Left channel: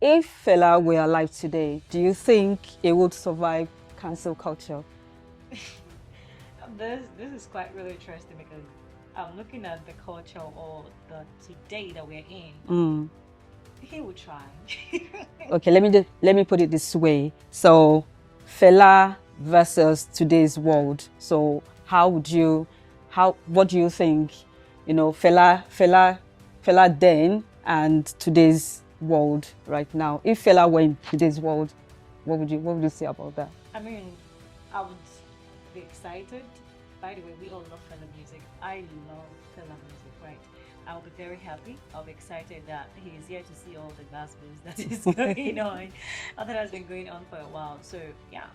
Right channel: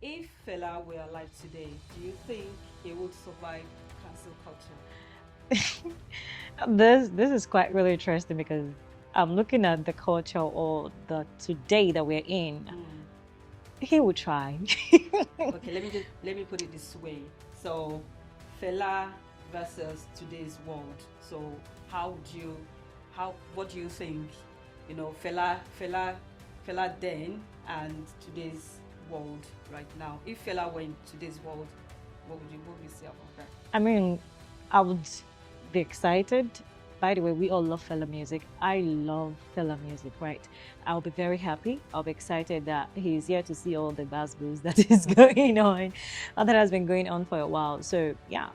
If Fela were alive today, do you think it would survive cancel culture? This is quite really interesting because I'm looking at the culture or the today that we're in. He would try. Okay, let me put it this way. So, Fela versus today's world. So, what do you think? Fela then and today's world right now. If Fela were in today's world, what would you say about that? I mean, I would be excited. By the way, we all love Fela music. I love Fela music, right? I'll be very happy. I'll be excited that he's here to see all the buzz that is going on, and that has been going on for a while. So yeah,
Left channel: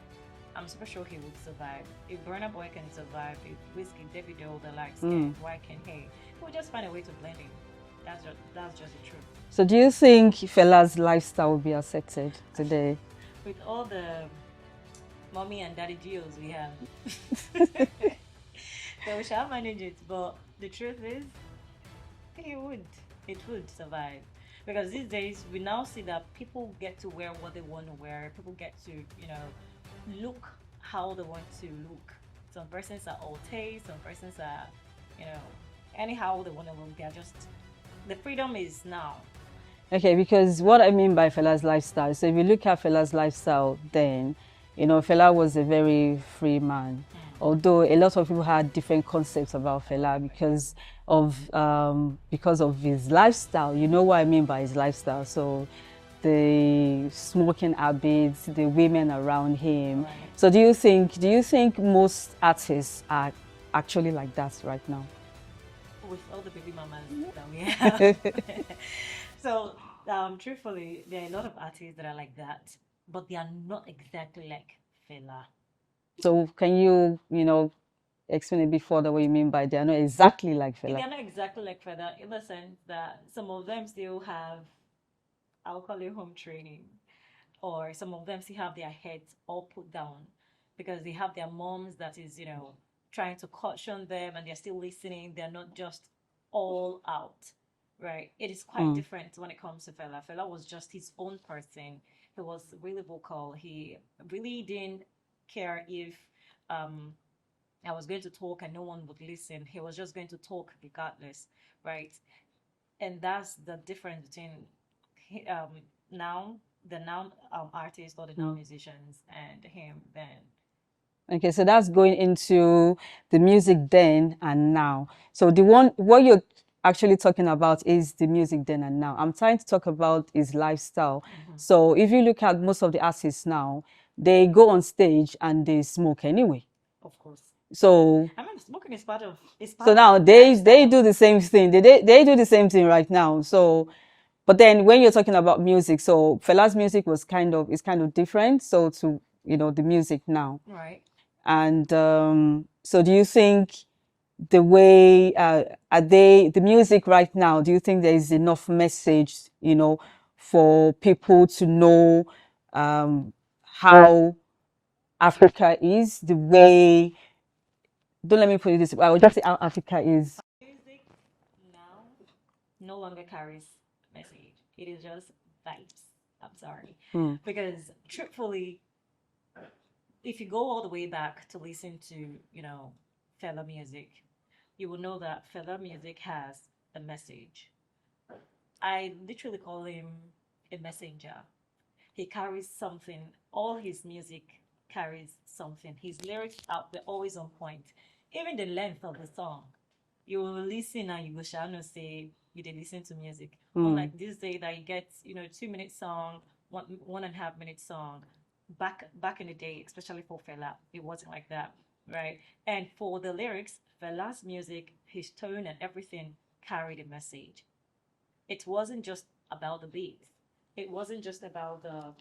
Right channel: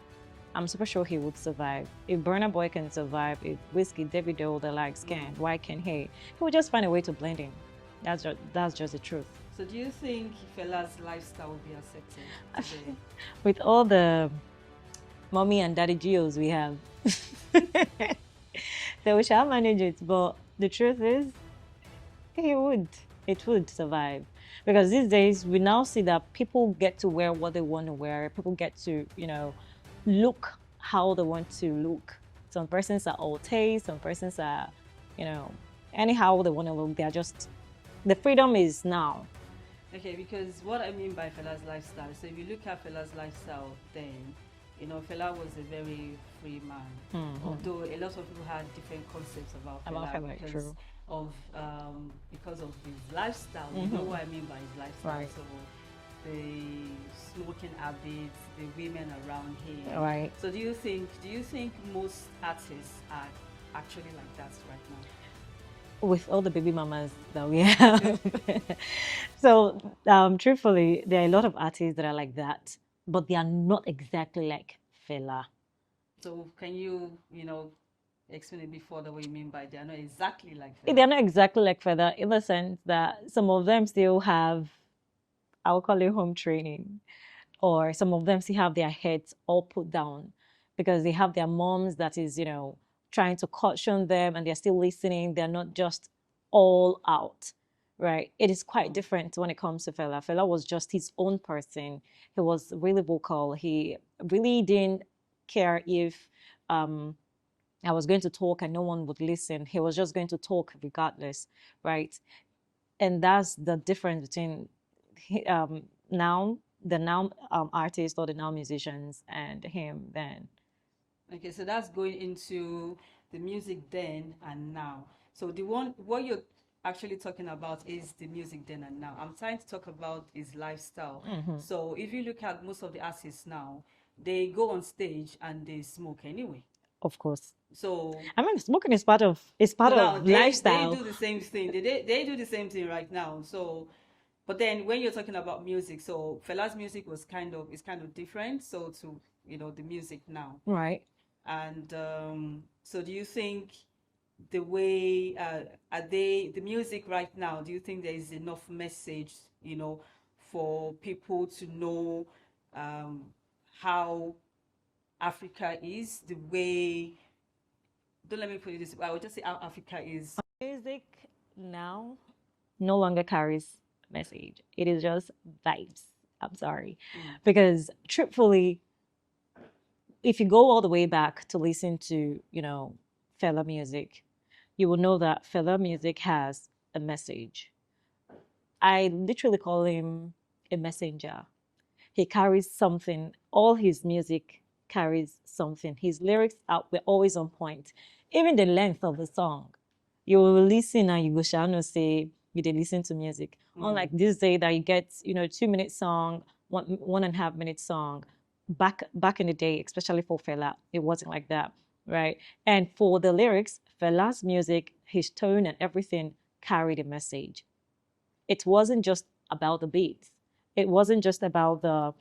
I'm super sure he would survive. If Burna Boy can survive, if Whiskey, David Doe, the likes can, why can't he? He would just find a way to blend in. That's just the truth. So do you think Fela's lifestyle will be accepted today? With all the mommy and daddy geos we have, so we shall manage it. But the truth is, it would survive. Because these days, we now see that people get to wear what they want to wear. People get to, look how they want to look. Some persons are all taste, some persons are, anyhow they want to look. They're just, the freedom is now. Okay, because what I mean by Fela's lifestyle, so if you look at Fela's lifestyle then, Fela was a very free man. Although a lot of people had different concepts about Fela because of his lifestyle. You know what I mean by his lifestyle. Right. So the smoking habits, the women around him. Right. So do you think most artists are actually like that right now? With all the baby mamas that we have. So truthfully, there are a lot of artists that are like that, but they are not exactly like Fela. So can you, explain a bit further what you mean by they are not exactly like Fela? They are not exactly like Fela in the sense that some of them still have, I'll call it home training, or some of them still have their heads all put down because they have their moms that is, trying to caution them and they're still listening. They're not just all out, right? It is quite different when it comes to Fela. Fela was just his own person. He was really vocal. He really didn't care if I was going to talk and no one would listen. He was just going to talk regardless, right? And that's the difference between the now artists or the now musicians and him then. Okay, so that's going into the music then and now. So what you're actually talking about is the music then and now. I'm trying to talk about his lifestyle. So if you look at most of the artists now, they go on stage and they smoke anyway. Of course. So I mean, smoking is part of so now they do the same thing. They do the same thing right now. So, but then when you're talking about music, so Fela's music is kind of different. So to the music now, right? And so do you think the way the music right now, do you think there is enough message, for people to know how Africa is, the way, don't let me put it this way, I would just say how Africa is. Music now no longer carries message. It is just vibes. I'm sorry. Because truthfully, if you go all the way back to listen to, Fela music, you will know that Fela music has a message. I literally call him a messenger. He carries something. All his music carries something. His lyrics were always on point. Even the length of the song, you will listen and you will shall not say you did listen to music. Unlike this day that you get, 2-minute song, 1.5 minute song. Back in the day, especially for Fela, it wasn't like that, right? And for the lyrics, Fela's music, his tone and everything carried a message. It wasn't just about the beats. It wasn't just about the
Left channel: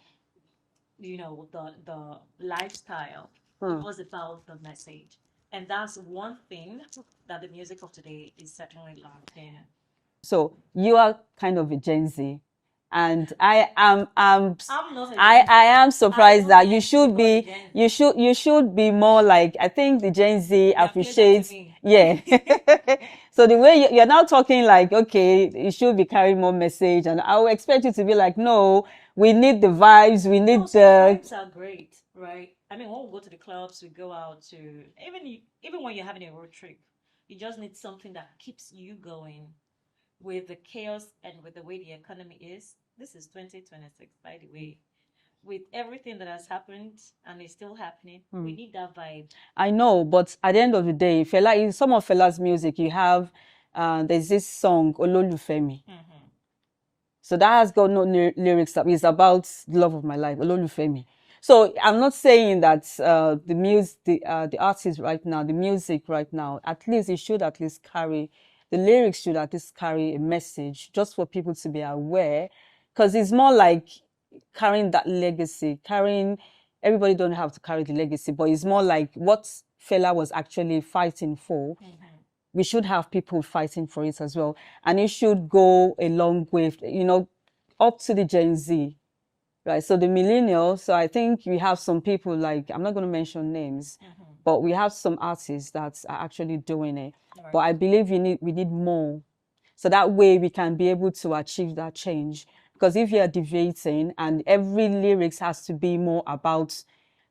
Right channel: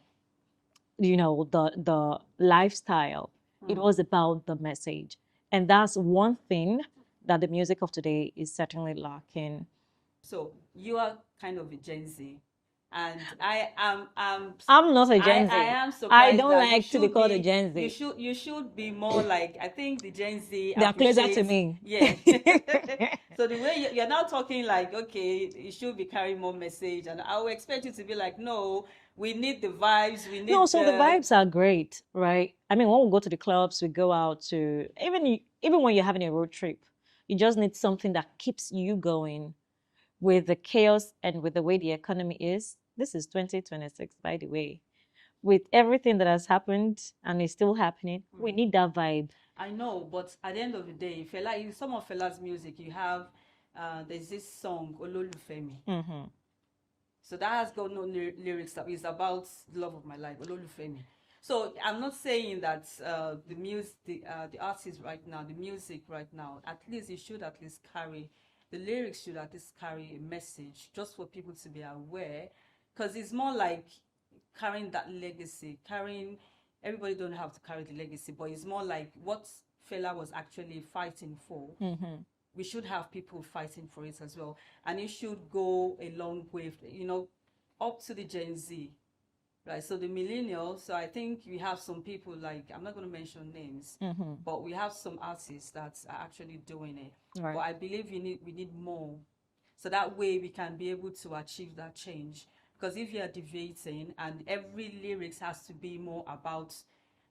lifestyle. It was about the message. And that's one thing that the music of today is certainly lacking. So you are kind of a Gen Z. And I'm not a Gen Z. I am surprised that you should be more like, I think the Gen Z appreciates me. Yeah. So the way you're now talking like, okay, you should be carrying more message, and I would expect you to be like, no, We need the vibes. We need No, so the vibes are great, right? I mean, when we go to the clubs, we go out to even when you're having a road trip, you just need something that keeps you going with the chaos and with the way the economy is. This is 2026, by the way. With everything that has happened and is still happening, we need that vibe. I know, but at the end of the day, Fela, in some of Fela's music, you have there's this song Ololufemi. So that has got no lyrics. It's about the love of my life, Ololufemi. So I'm not saying that the artist right now, the music right now, at least it should at least carry, the lyrics should at least carry a message just for people to be aware, because it's more like carrying that legacy, everybody don't have to carry the legacy, but it's more like what Fela was actually fighting for. We should have people fighting for it as well. And it should go a long way, up to the Gen Z, right? So the millennials, so I think we have some people like, I'm not going to mention names, but we have some artists that are actually doing it. Right. But I believe we need more. So that way we can be able to achieve that change. Because if you're debating and every lyrics has to be more about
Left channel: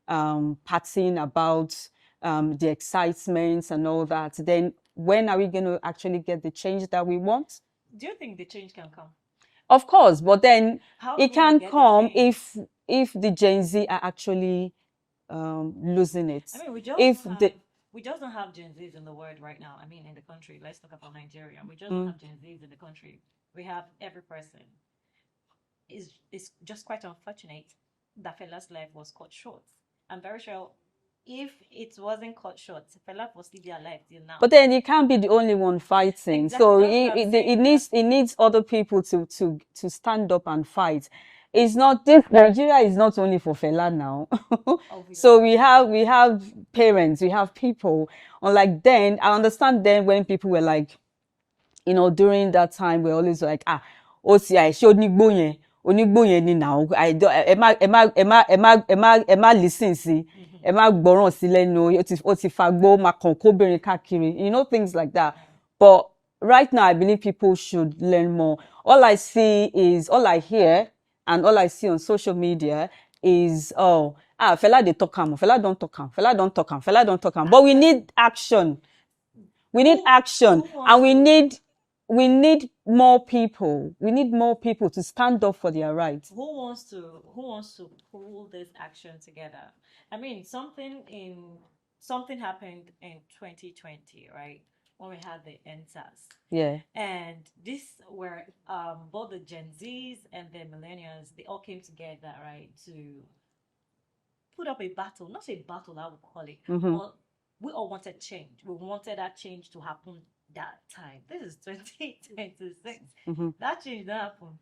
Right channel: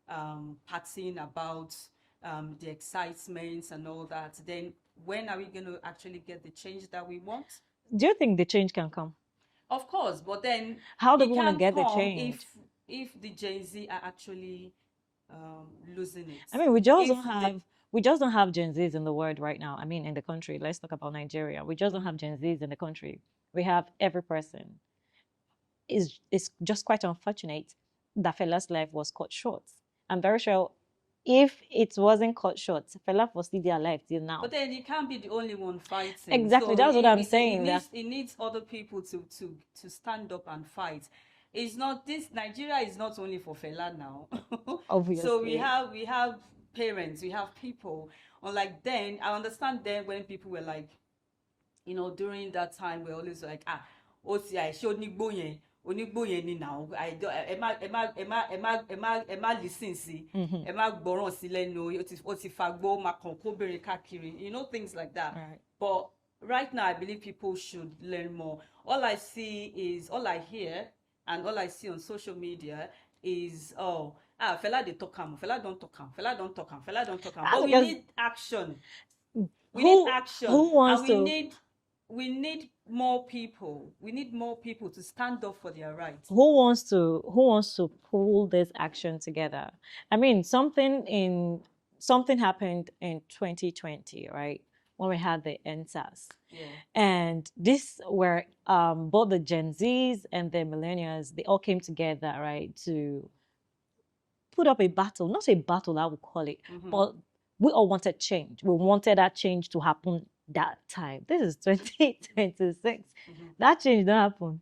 partying, about the excitements and all that, then when are we going to actually get the change that we want? Do you think the change can come? Of course, but then it can come if the Gen Z are actually losing it. I mean, we just don't have Gen Zs in the world right now. I mean, in the country. Let's talk about Nigeria. We just don't have Gen Zs in the country. We have every person. It's just quite unfortunate that Fela's life was cut short. I'm very sure if it wasn't cut short, Fela was still alive till now. But then you can't be the only one fighting. Exactly, so that's what I'm saying. It needs other people to stand up and fight. It's not this Nigeria is not only for Fela now. So we have parents, we have people. Unlike then, I understand then when people were like, during that time we're always like, OCI showed Nigbo onígbòyẹn ni now ẹ má listen sí ẹ má gbọ́ràn sí lẹ́nu ó ti fagbó máa kàn kóbìnrin káàkiri things like that. But right now I believe people should learn more. All I hear and all I see on social media is Fela dey talk am, Fela don talk am, Fela don talk am, Fela don talk am. But we need action. And we need more people. We need more people to stand up for their rights. Who wants to pull this action together? I mean, something happened in 2020, right? When we had the NSAS. Yeah. And this were both the Gen Zs and the millennials, they all came together, right, to put up a battle. Not a battle, I would call it, but we all wanted change. We wanted that change to happen that time. This is 2026. That change don't happen.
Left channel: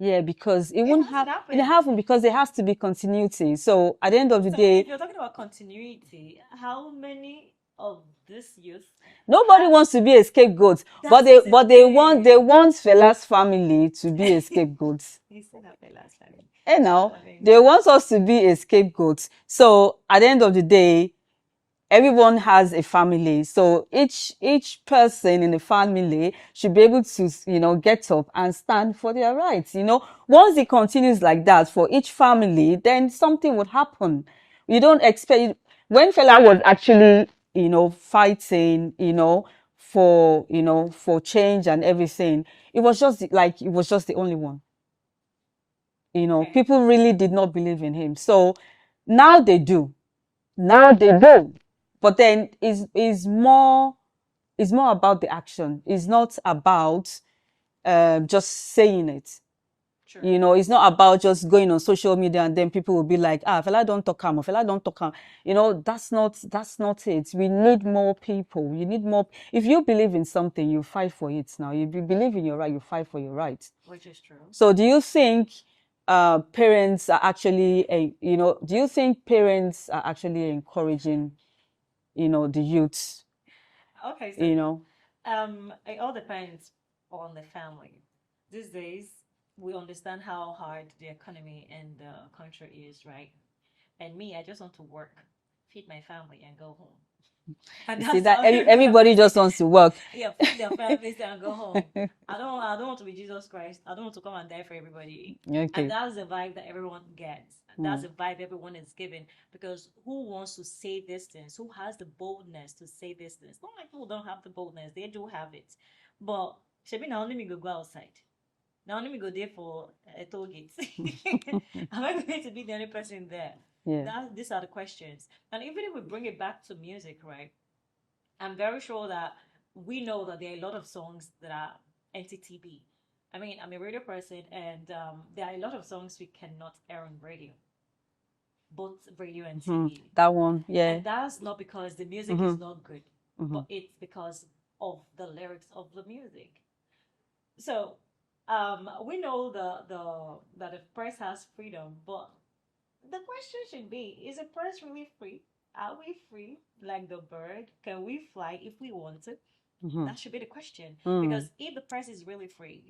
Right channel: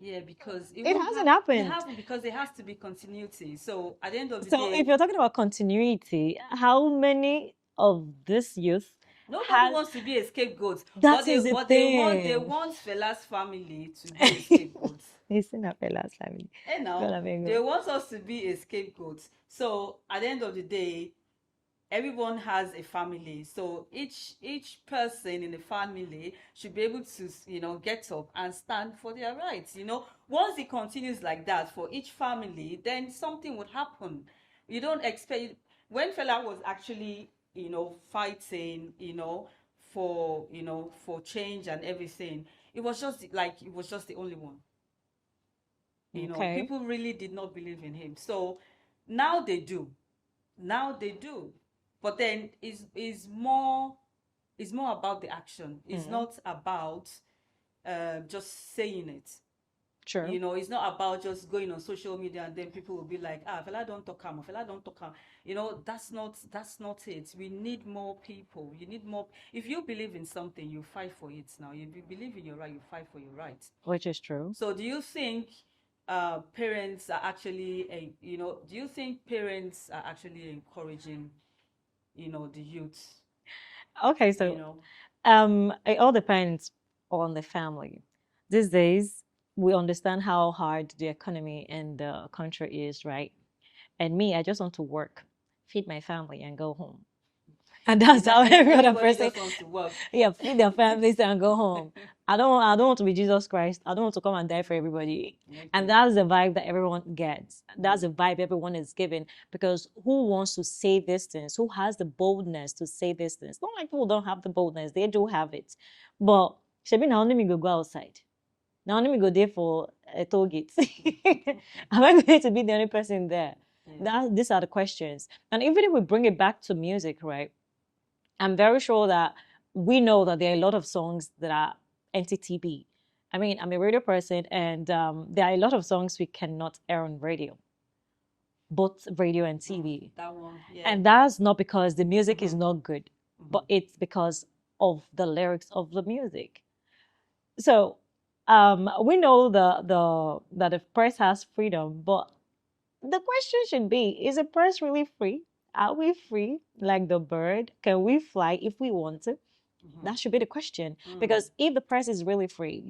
Yeah, because it hasn't happened. It hasn't, because there has to be continuity. So at the end of the day, if you're talking about continuity, how many of this youth? Nobody wants to be a scapegoat, but they want Fela's family to be a scapegoat. He's saying that Fela's family. They want us to be a scapegoat. So at the end of the day, everyone has a family, so each person in the family should be able to get up and stand for their rights. Once it continues like that for each family, then something would happen. You don't expect, when Fela was actually fighting for change and everything, it was just the only one. People really did not believe in him. So now they do. But then is more about the action. It's not about just saying it. Sure. It's not about just going on social media and then people will be like, Fela don't talk am, Fela don't talk am. That's not it. We need more people. You need more. If you believe in something, you fight for it now. If you believe in your right, you fight for your right. Which is true. So do you think parents are actually encouraging the youth? Okay, so it all depends on the family. These days we understand how hard the economy in the country is, right? And me, I just want to work, feed my family and go home. And that's how everybody just wants to work. Yeah, feed their families and go home. I don't want to be Jesus Christ. I don't want to come and die for everybody. Okay. And that's the vibe that everyone gets. That's the vibe everyone is given. Because who wants to say these things? Who has the boldness to say these things? Not like people don't have the boldness. They do have it. But Shebi, now let me go outside. Now let me go there for a toll gate. Am I going to be the only person there? Yeah. These are the questions. And even if we bring it back to music, right? I'm very sure that we know that there are a lot of songs that are NTTB. I mean, I'm a radio person, and there are a lot of songs we cannot air on radio, both radio and TV. That one, yeah. And that's not because the music is not good, but it's because of the lyrics of the music. So we know that the press has freedom, but the question should be, is the press really free? Are we free like the bird? Can we fly if we want to? That should be the question. Because if the press is really free,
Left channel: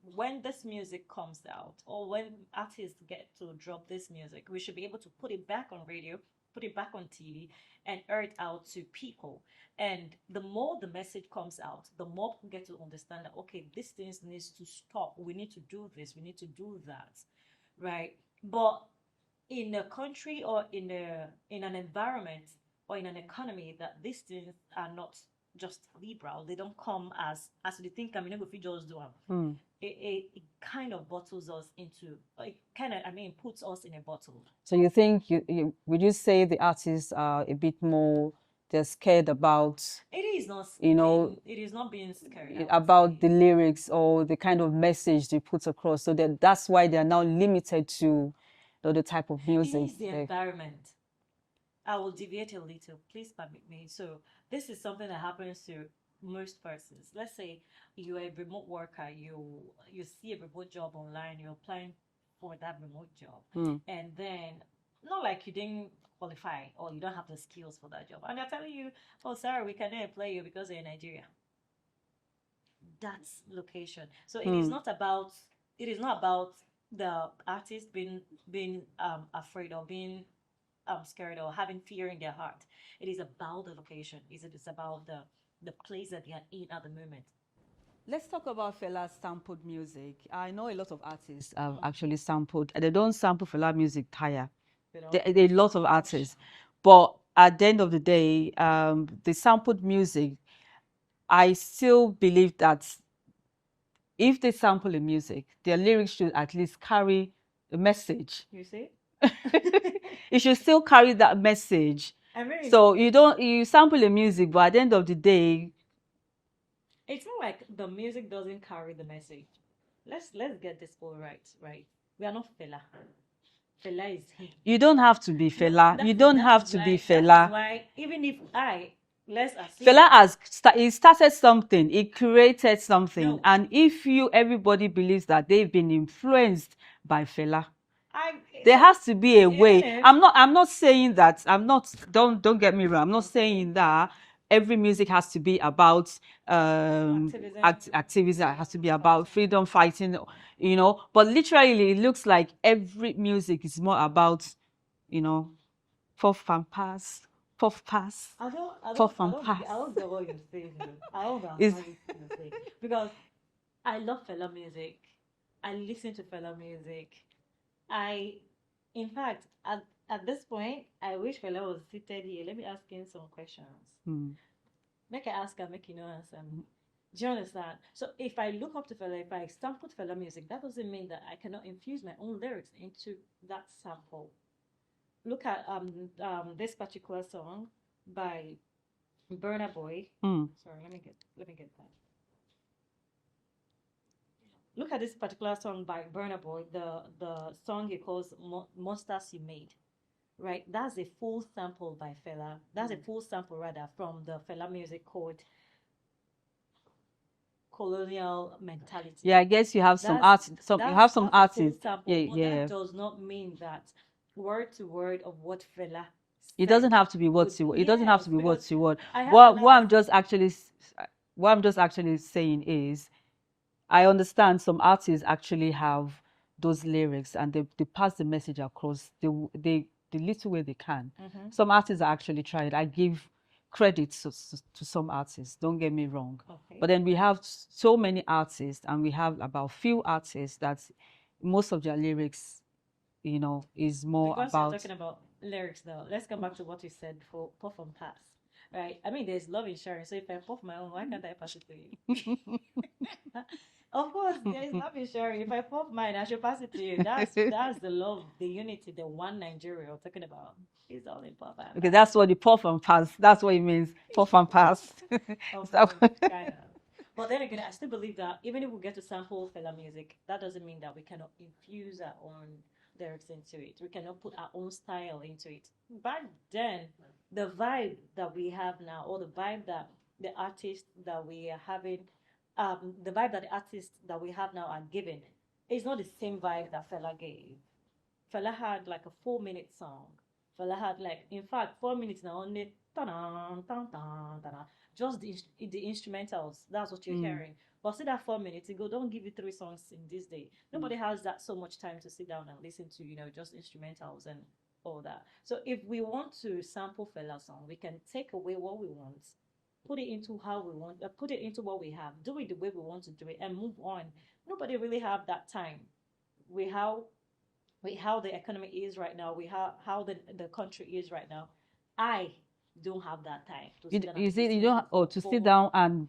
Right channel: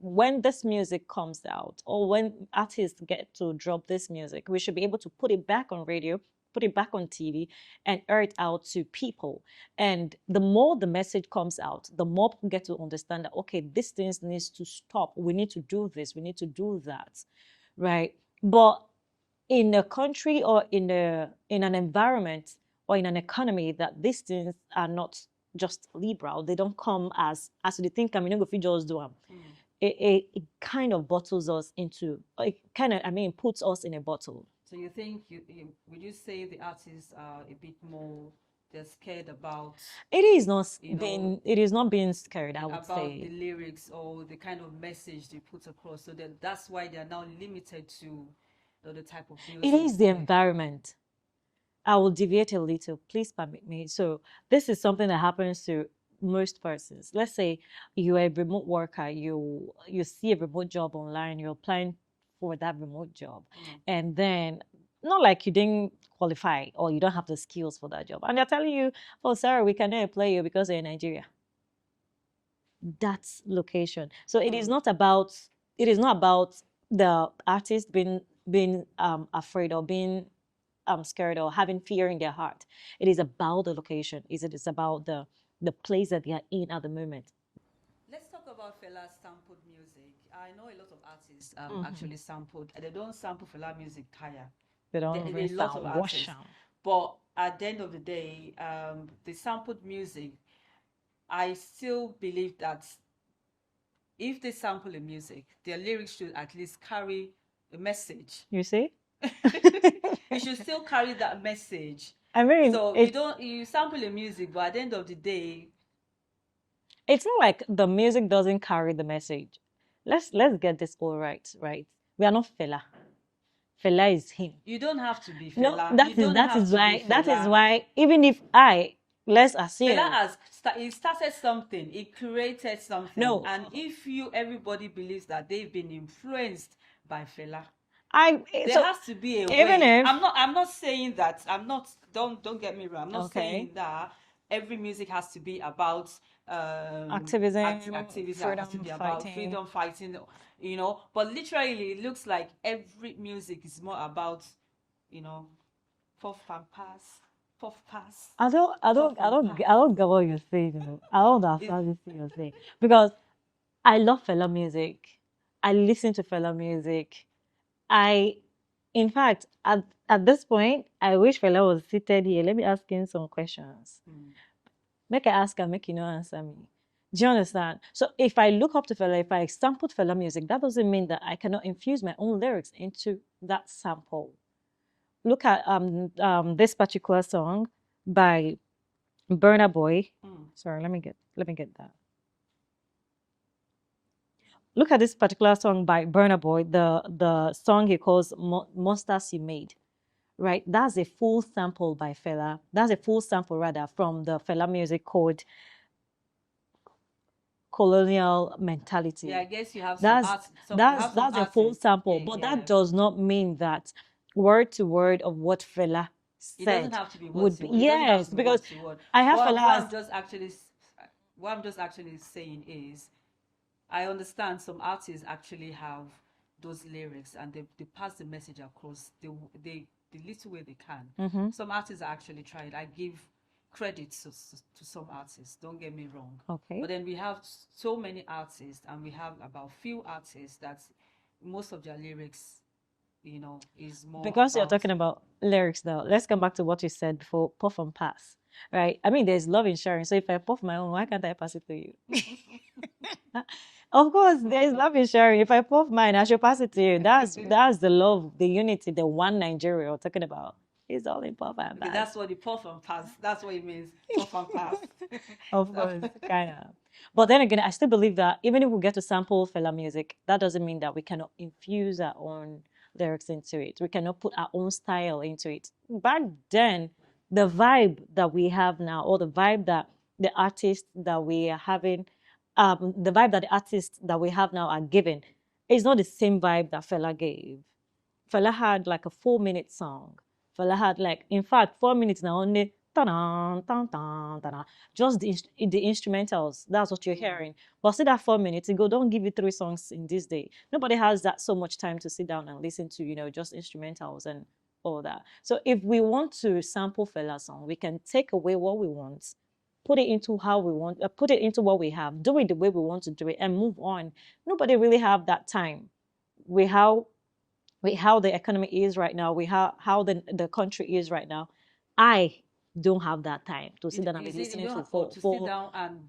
when this music comes out or when artists get to drop this music, we should be able to put it back on radio, put it back on TV, and air it out to people. And the more the message comes out, the more people get to understand that, okay, this thing needs to stop. We need to do this. We need to do that. Right? But in a country or in an environment or in an economy that these things are not just liberal, they don't come as they think, I mean, if we just do them. It kind of bottles us into, it kind of, I mean, puts us in a bottle. So you think, would you say the artists are a bit more, they're scared about, it is not, it is not being scared about the lyrics or the kind of message they put across, so that's why they're now limited to the type of music? It is the environment. I will deviate a little, please permit me. So this is something that happens to most persons. Let's say you're a remote worker, you see a remote job online, you're applying for that remote job, and then not like you didn't qualify or you don't have the skills for that job, and they're telling you, oh, sorry, we cannot employ you because you're in Nigeria. That's location. So it is not about the artist being afraid or being scared or having fear in their heart. It is about the location. It is about the place that they are in at the moment. Let's talk about Fela's sampled music. I know a lot of artists actually sampled. They don't sample Fela music tire. There are a lot of artists. But at the end of the day, the sampled music, I still believe that if they sample the music, their lyrics should at least carry a message. You see? It should still carry that message. I mean, so you sample the music, but at the end of the day, it's not like the music doesn't carry the message. Let's get this all right. We are not Fela. Fela is him. You don't have to be Fela. No, you don't have to be Fela. That is why, even if let's assume Fela he started something, he created something, and if everybody believes that they've been influenced by Fela, there has to be a way. I'm not saying that. Don't get me wrong. I'm not saying that every music has to be about activism. It has to be about freedom fighting, But literally, it looks like every music is more about, puff and pass. I don't get what you're saying. I don't understand what you're saying, because I love Fela music. I listen to Fela music. In fact, at this point, I wish Fela was seated here. Let me ask him some questions. Make I ask him, make you not answer me. Do you understand? So if I look up to Fela, if I sampled Fela music, that doesn't mean that I cannot infuse my own lyrics into that sample. Look at this particular song by Burna Boy. Sorry, let me get that. Look at this particular song by Burna Boy, the song he calls Monsters You Made, right? That's a full sample by Fela. That's a full sample, rather, from the Fela music called Colonial Mentality. Yeah, I guess you have some art. That's a full sample, but that does not mean that word to word of what Fela said. It doesn't have to be word to word. It doesn't have to be word to word. What I'm just actually saying is, I understand some artists actually have those lyrics and they pass the message across the little way they can. Some artists are actually trying. I give credit to some artists, don't get me wrong. Okay. But then we have so many artists, and we have about few artists that most of their lyrics, you know, is more Because you're about... talking about lyrics now, let's come back to what you said before, puff and pass, right? I mean, there's love insurance. So if I puff my own, why can't I pass it to you? Of course, there is love insurance. If I puff mine, I should pass it to you. That's the love, the unity, the one Nigeria we're talking about. It's all in puff and pass. Okay, that's what the puff and pass, that's what it means, puff and pass. Of course, kind of. But then again, I still believe that even if we get to sample Fela music, that doesn't mean that we cannot infuse our own lyrics into it. We cannot put our own style into it. Back then, the vibe that we have now, or the vibe that the artists that we are having, the vibe that the artists that we have now are giving, is not the same vibe that Fela gave. Fela had like a 4-minute song. Fela had like, in fact, 4 minutes now only. Just the instrumentals. That's what you're hearing. But see that 4 minutes ago, don't give you 3 songs in this day. Nobody has that so much time to sit down and listen to, you know, just instrumentals and all that. So if we want to sample Fela's song, we can take away what we want, put it into how we want, put it into what we have, do it the way we want to do it, and move on. Nobody really have that time. With how the economy is right now, with how the country is right now, I don't have that time to sit down and listen to sit down and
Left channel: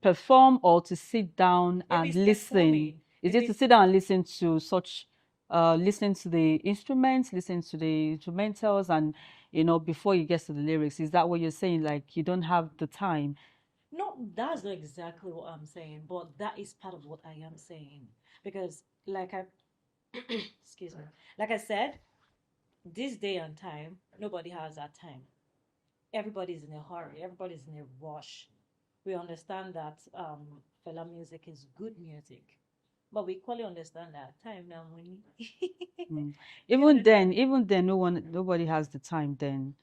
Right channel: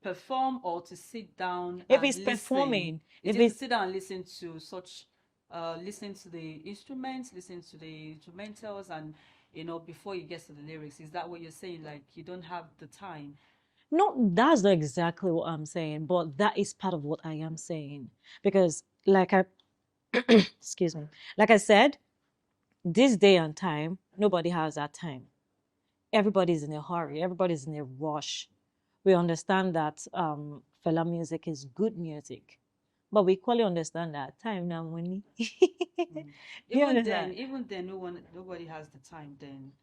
perform, or to sit down and listen. Is it to sit down and listen to such, listen to the instruments, listen to the instrumentals, and, you know, before you get to the lyrics? Is that what you're saying? Like, you don't have the time? No, that's not exactly what I'm saying, but that is part of what I am saying. Because like excuse me, like I said, this day and time, nobody has that time. Everybody's in a hurry. Everybody's in a rush. We understand that Fela music is good music, but we equally understand that time now money. Even then, nobody has the time then.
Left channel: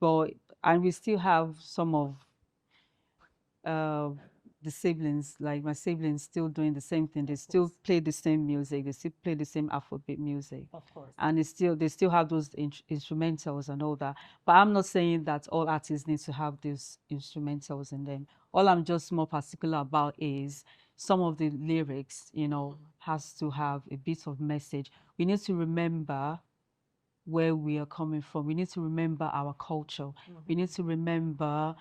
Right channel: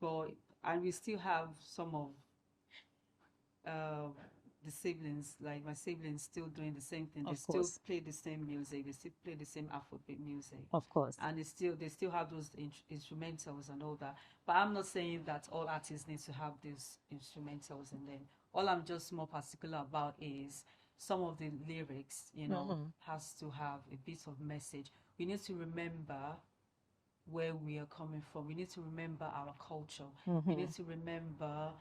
But and we still have some of the siblings, like my siblings, still doing the same thing. They still play the same music. They still play the same Afrobeat music. Of course. And they still have those instrumentals and all that. But I'm not saying that all artists need to have these instrumentals in them. All I'm just more particular about is some of the lyrics, you know, has to have a bit of message. We need to remember where we are coming from. We need to remember our culture. We need to remember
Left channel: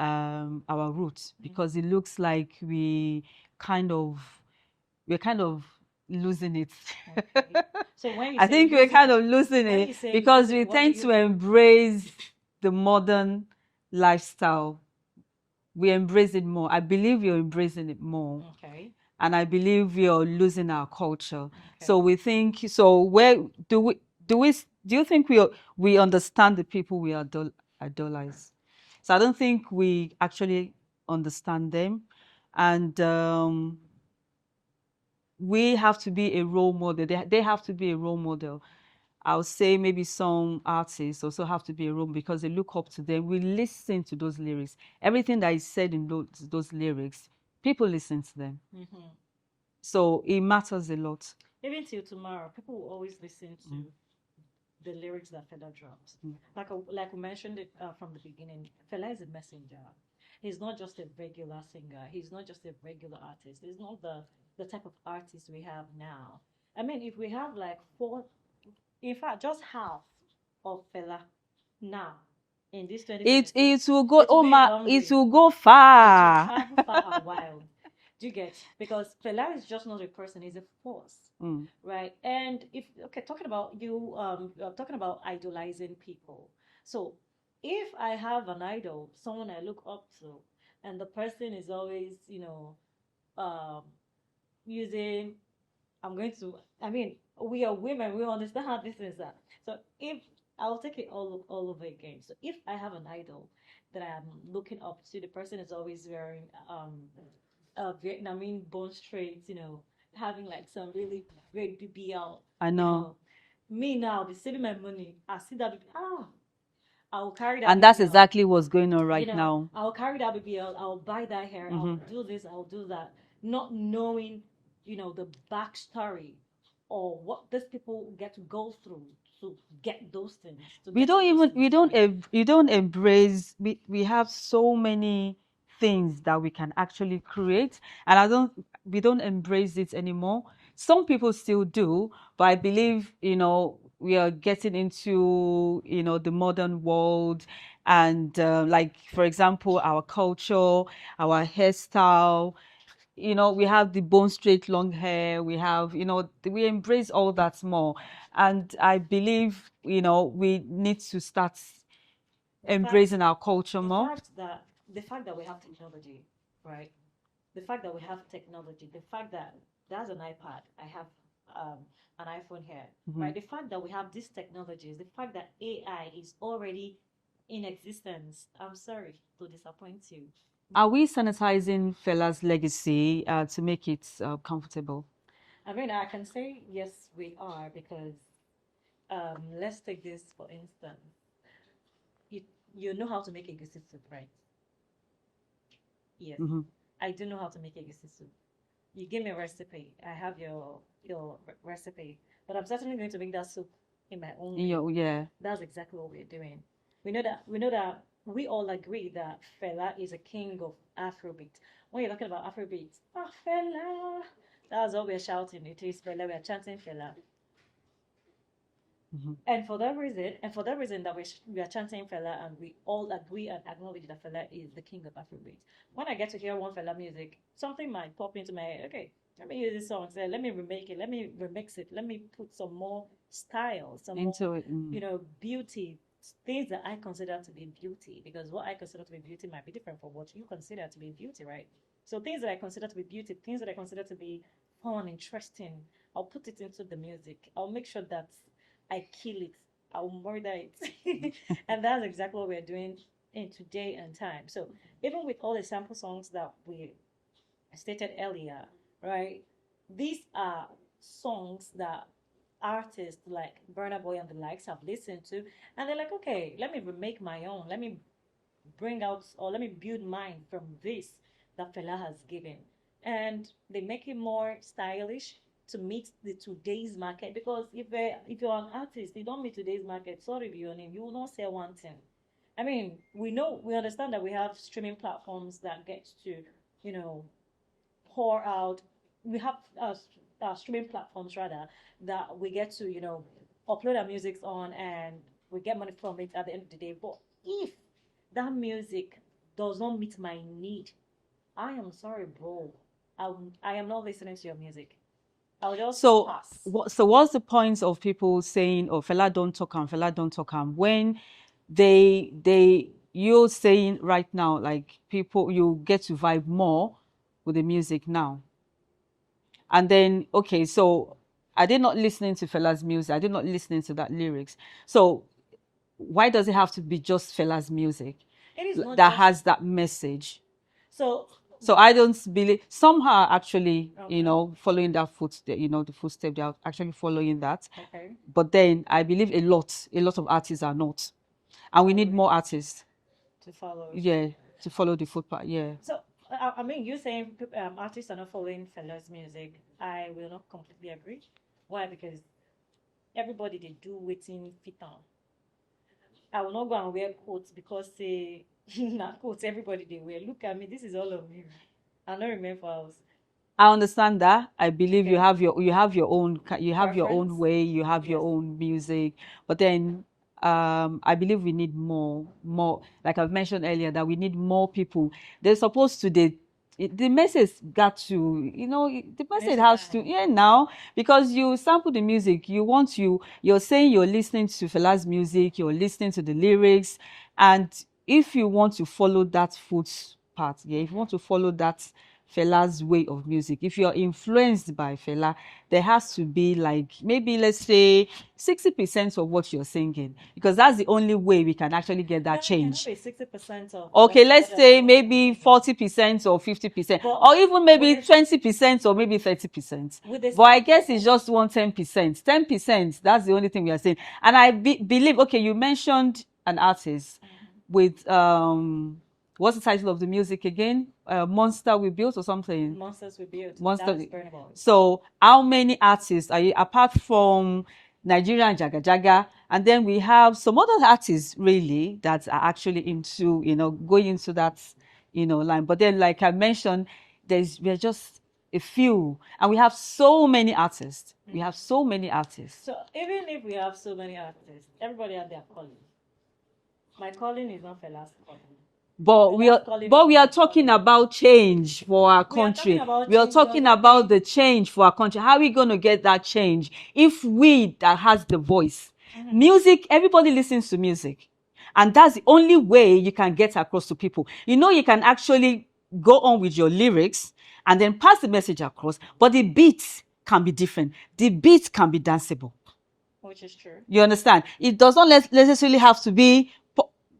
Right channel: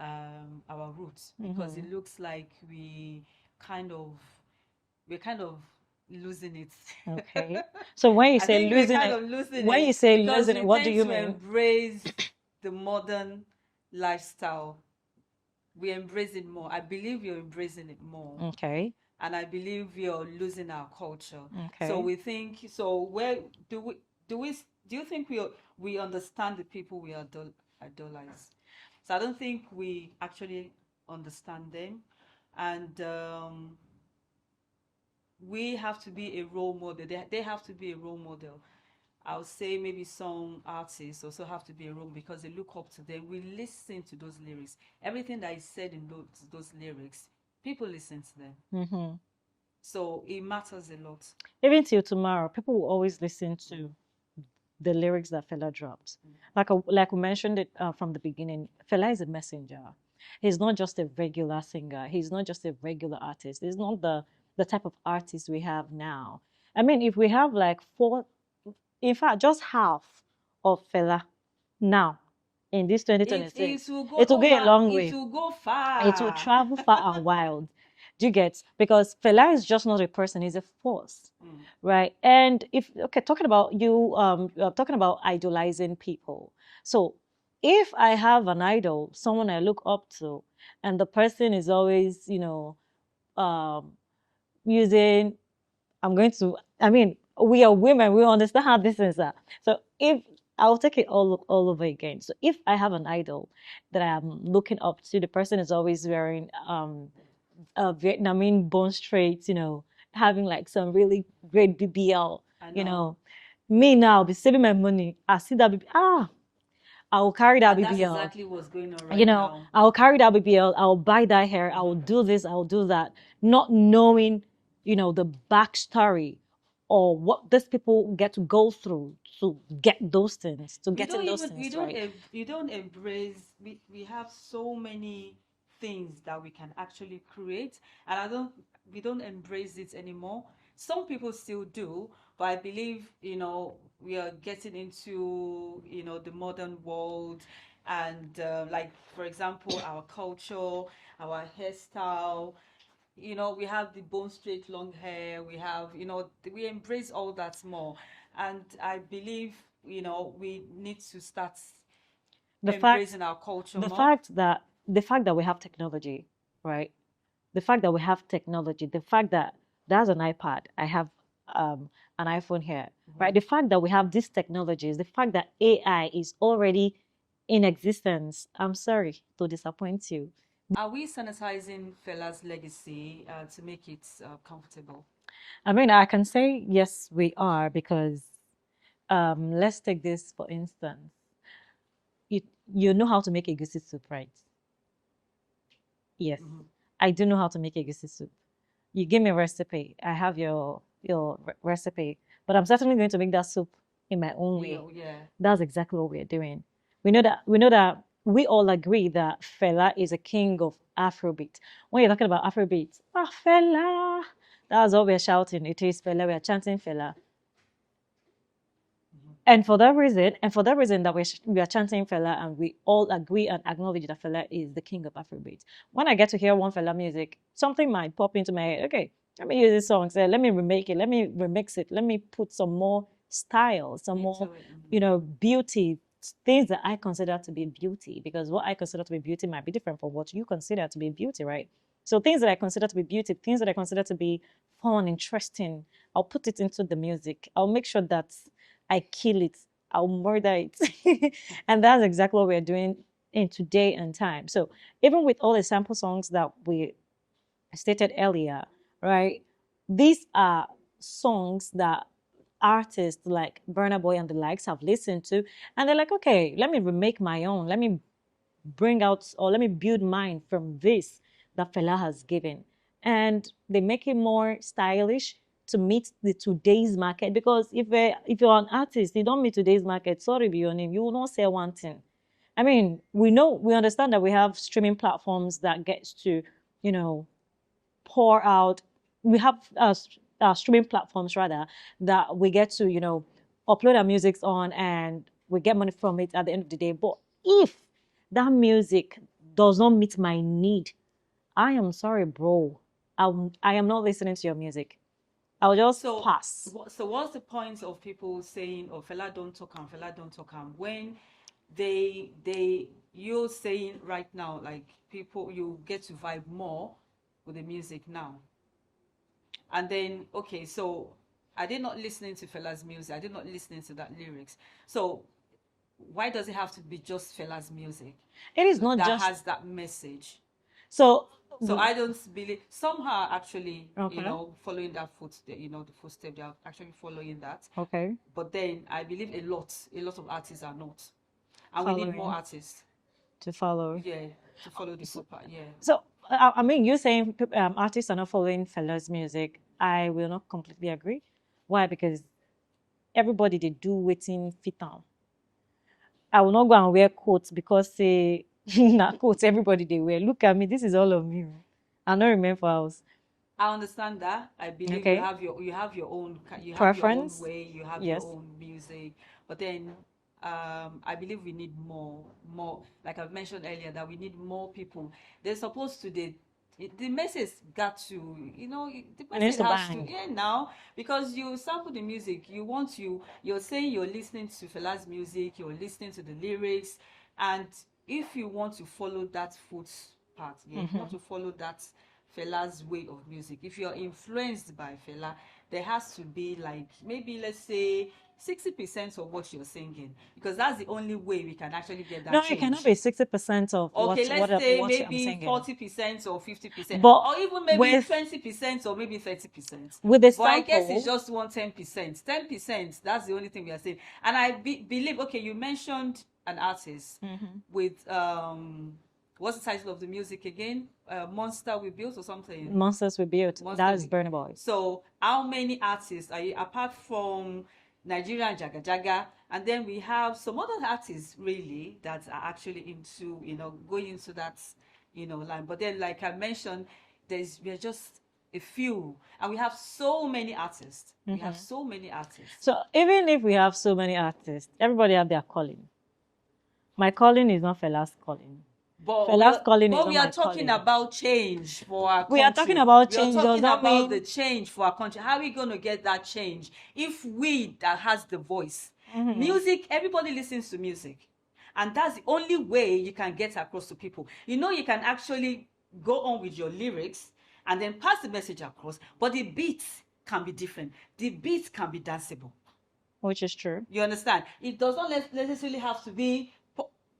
our roots, because it looks like we're kind of losing it. Okay. So when you say I think we're kind of losing it, when you say because losing we it, what do tend you to mean? embrace the modern lifestyle. We embrace it more. I believe you're embracing it more. Okay. And I believe we are losing our culture. Okay. So we think, so where do you think we understand the people we idolize? So I don't think we actually understand them, and we have to be a role model. They have to be a role model. I would say maybe some artists also have to be a role, because they look up to them. We listen to those lyrics. Everything that is said in those lyrics, people listen to them. So it matters a lot. Even till tomorrow, people will always listen to the lyrics that Fela dropped. Like we mentioned it from the beginning, Fela is a messenger. He's not just a regular singer. He's not just a regular artist. He's not the type of artist we have now. I mean, if we have like in fact, just half of Fela now in this 2026, it will go a long way. It will go far. It will travel far and wild. Do you get? Because Fela is just not a person; he's a force, right? And talking about talking about idolizing people. So, if I have an idol, someone I look up to, and the person is always, using, I mean, we are women, we understand how this is. So if I'll take it all over again. So if I have an idol that I'm looking up to, the person is always wearing a Vietnamese bone straight, having like some really great BBL. I know. Me now, be saving my money. I see that I will carry that and BBL. That's exactly what's going on right now. I'll carry that BBL. I'll buy that hair. I'll do this. I'll do that. Not knowing, the backstory or what these people get to go through to get those things, to get those things right. You don't embrace, we have so many things that we can actually create, and we don't embrace it anymore. Some people still do, but I believe, we are getting into, the modern world, and like, for example, our culture, our hairstyle, we have the bone straight long hair, we have, we embrace all that more. And I believe, we need to start embracing our culture the more. The fact that we have technology, right? The fact that we have technology, the fact that there's an iPad, I have an iPhone here, right? The fact that we have these technologies, the fact that AI is already in existence, I'm sorry to disappoint you. Are we sanitizing Fela's legacy to make it comfortable? I mean, I can say yes, we are, because let's take this for instance. You know how to make a goosey soup, right? Yes, I do know how to make a goosey soup. You give me a recipe, I have your recipe, but I'm certainly going to make that soup in my own way. Yeah, that's exactly what we're doing. We know that we all agree that Fela is a king of Afrobeat. When you're talking about Afrobeat, Fela, that's what we're shouting. It is Fela. We're chanting Fela. And for that reason that we are chanting Fela, and we all agree and acknowledge that Fela is the king of Afrobeat. When I get to hear one Fela music, something might pop into my head. Okay, let me use this song. Say, let me remake it. Let me remix it. Let me put some more style, some more, beauty, things that I consider to be beauty. Because what I consider to be beauty might be different from what you consider to be beauty, right? So things that I consider to be beauty, things that I consider to be fun, interesting, I'll put it into the music. I'll make sure that I kill it, I'll murder it. And that's exactly what we're doing in today and time. So even with all the sample songs that we stated earlier, right? These are songs that artists like Burna Boy and the likes have listened to, and they're like, okay, let me remake my own. Let me bring out, or let me build mine from this that Fela has given. And they make it more stylish to meet the today's market, because if you're an artist, you don't meet today's market, sorry, be your name, you will not sell one thing. I mean, we understand that we have streaming platforms that gets to, pour out. We have streaming platforms rather that we get to, upload our music on, and we get money from it at the end of the day. But if that music does not meet my need, I am sorry, bro. I am not listening to your music. I'll just pass. So what's the point of people saying, "Oh, Fela don't talk am, Fela don't talk am," when you're saying right now, like, people, you get to vibe more with the music now, and then, okay, so I did not listening to Fela's music, I did not listening to that lyrics. So why does it have to be just Fela's music? It is not that has that message. So I don't believe, some are actually, following that the footstep, they are actually following that. Okay. But then I believe a lot of artists are not. And we need more artists to follow. Yeah, to follow the footpath, yeah. So, I mean, you saying artists are not following Fela's music, I will not completely agree. Why? Because everybody, they do wetin fit am. I will not go and wear coats because say na coats everybody they wear. Look at me, this is all of me. I don't remember house. I understand that. I believe you have your own your own way, you have your own music. But then I believe we need more, like I've mentioned earlier, that we need more people. They're supposed to the message got to, the message has to, now, because you sample the music, you're saying you're listening to Fela's music, you're listening to the lyrics, and if you want to follow that footpath, if you want to follow that Fela's way of music, if you're influenced by Fela, there has to be, like, maybe let's say 60% of what you're singing, because that's the only way we can actually get that change. No, it cannot be 60% of. Okay, let's say maybe 40% or 50%, or even maybe 20% or maybe 30%. But I guess it's just 10%. 10%. That's the only thing we are saying. And I believe. Okay, you mentioned an artist with what's the title of the music again? Monster We Built or something? Monsters We Built. That is Burna Boy. So how many artists are you, apart from Nigeria and Jaga Jaga, and then we have some other artists really that are actually into, going into that, line. But then, like I mentioned, we're just a few, and we have so many artists. We have so many artists. So even if we have so many artists, everybody have their calling. My calling is not Fela's calling. But we are talking about change for our country. We are talking about change. We are talking about the change for our country. How are we going to get that change if we that has the voice? Music, everybody listens to music. And that's the only way you can get across to people. You can actually go on with your lyrics and then pass the message across, but the beats can be different. The beats can be danceable. Which is true. You understand? It does not necessarily have to be,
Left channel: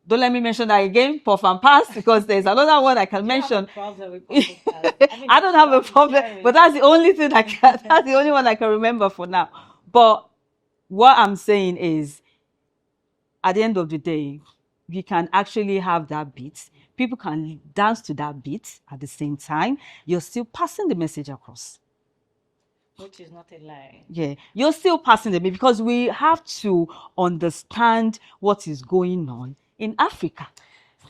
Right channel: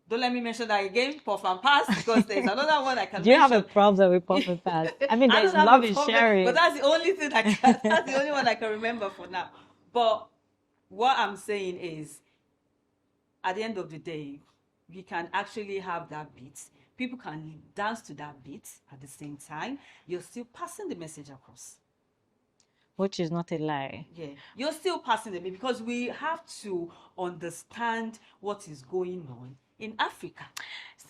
don't let me mention that again, puff and pass, because there's another one I can mention. You have a problem with puff and pass. I mean, I don't have a problem, but that's the only thing that's the only one I can remember for now. But what I'm saying is, at the end of the day, we can actually have that beat. People can dance to that beat at the same time. You're still passing the message across. Which is not a lie. Yeah, you're still passing the message, because we have to understand what is going on in Africa.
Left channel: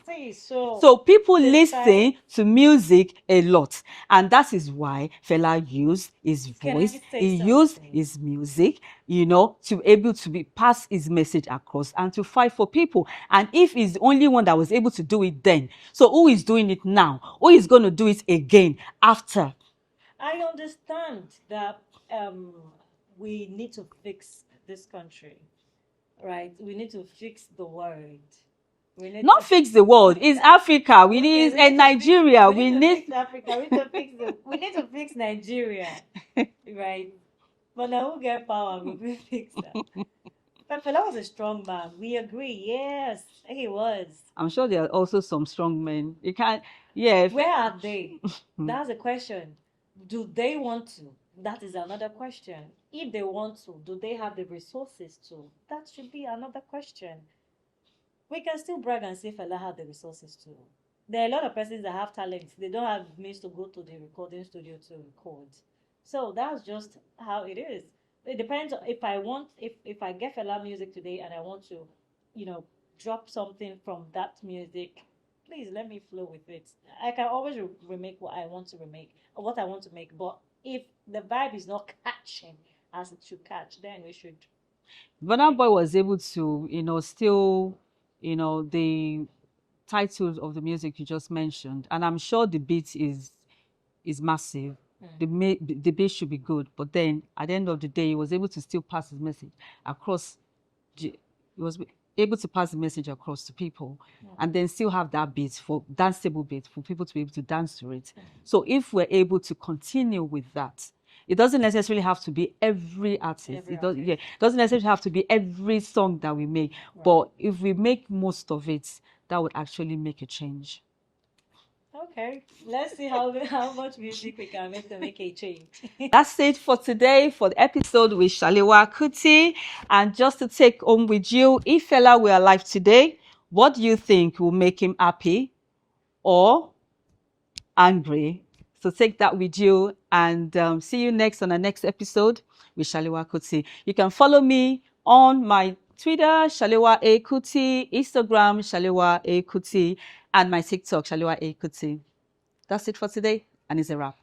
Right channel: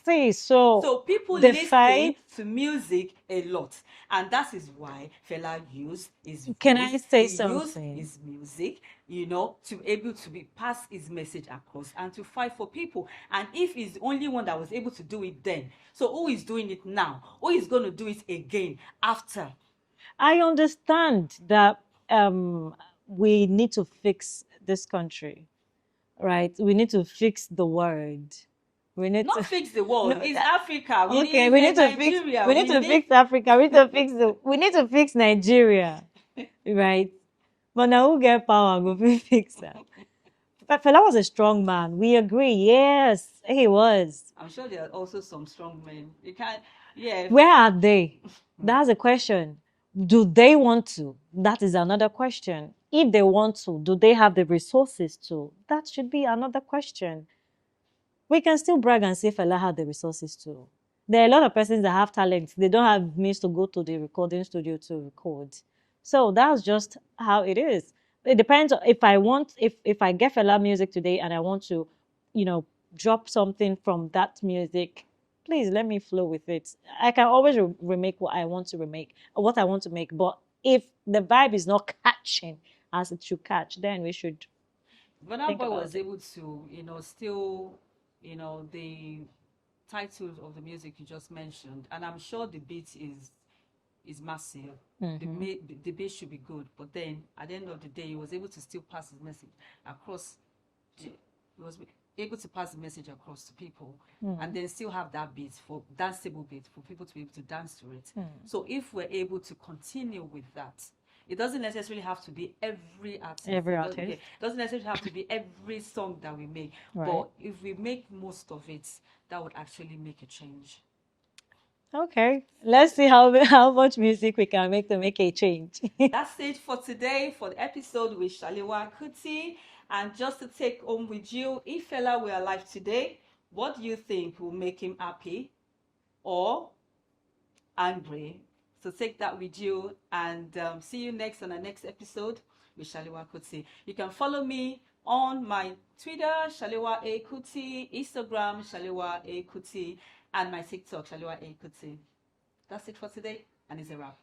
See, so people listen to music a lot, and that is why Fela used his voice. He used his music, to be able to pass his message across and to fight for people. And if he's the only one that was able to do it then, so who is doing it now? Who is going to do it again after? I understand that we need to fix this country, right? We need to fix the world. We need not fix the world. It's Africa. We need Nigeria. We need to fix Africa. We need to fix Nigeria, right? But now who get power? We fix that. But Fela was a strong man. We agree. Yes, he was. I'm sure there are also some strong men. You can't. Yeah. Where are they? That's a question. Do they want to? That is another question. If they want to, do they have the resources to? That should be another question. We can still brag and say Fela had the resources to. There are a lot of persons that have talent. They don't have means to go to the recording studio to record. So that's just how it is. It depends if I get Fela music today and I want to, drop something from that music, please let me flow with it. I can always remake what I want to remake, or what I want to make. But if the vibe is not catching as it should catch, then we should. Burna Boy was able to, still, the titles of the music you just mentioned, and I'm sure the beat is massive. The beat should be good, but then at the end of the day, he was able to still pass his message across. He was able to pass the message across to people, and then still have that beat, for danceable beat, for people to be able to dance to it. So if we're able to continue with that, it doesn't necessarily have to be every artist. It doesn't necessarily have to be every song that we make. Right. But if we make most of it, that would actually make a change. Okay, let's see how much music we can make to make a change. That's it for today, for the episode with Shalewa Kuti. And just to take home with you, if Fela were alive today, what do you think will make him happy or angry? So take that with you, and see you next on the next episode with Shalewa Kuti. You can follow me on my Twitter, Shalewa A Kuti, Instagram, Shalewa A Kuti, and my TikTok, Shalewa A Kuti. That's it for today, and it's a wrap.